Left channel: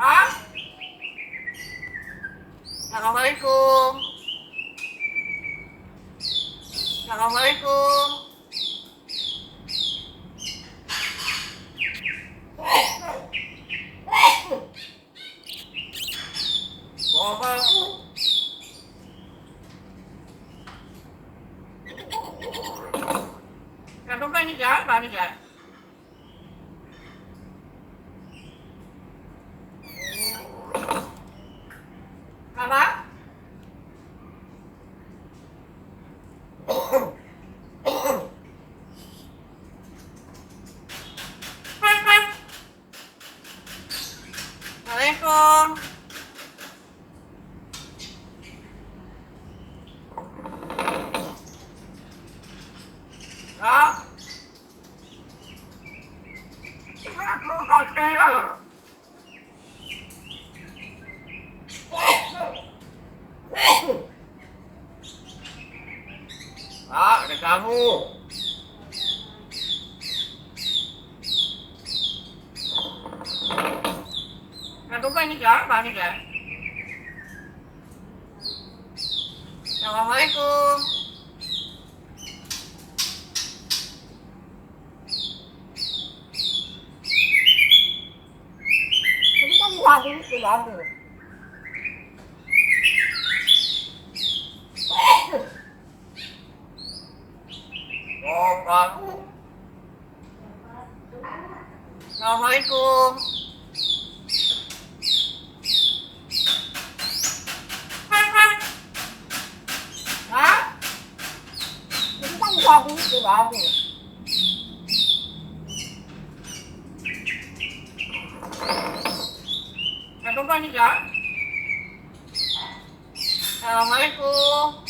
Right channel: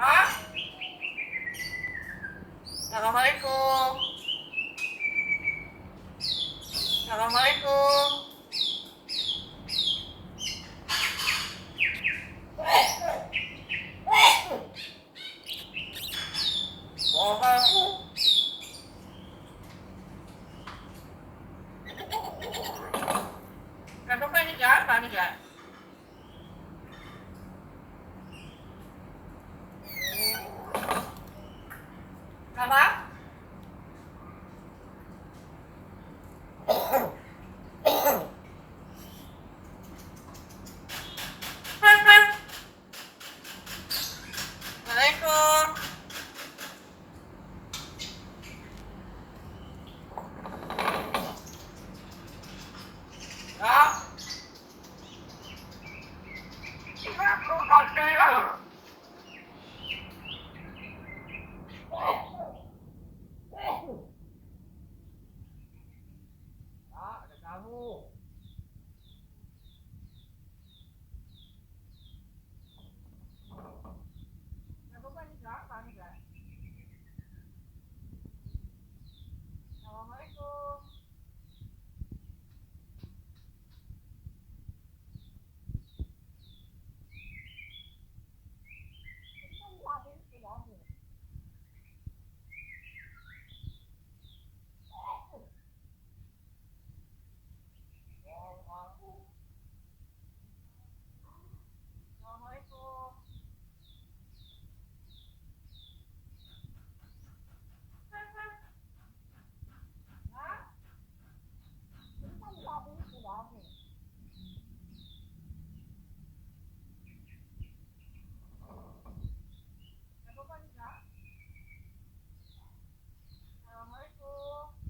Hah? Assalamualaikum. Assalamualaikum. Ngomong. Kenapa ini siapa nih, Kak? Apa? Assalamualaikum. Kak. Aku kasih. Kak, ada kamu. Kenapa ini siapa nih, Kak? Assalamualaikum. Jadi kan lagi lagi. Oh, kamu. Assalamualaikum. Hah? Jadi kan lagi. Kenapa nih, Kak? Assalamualaikum.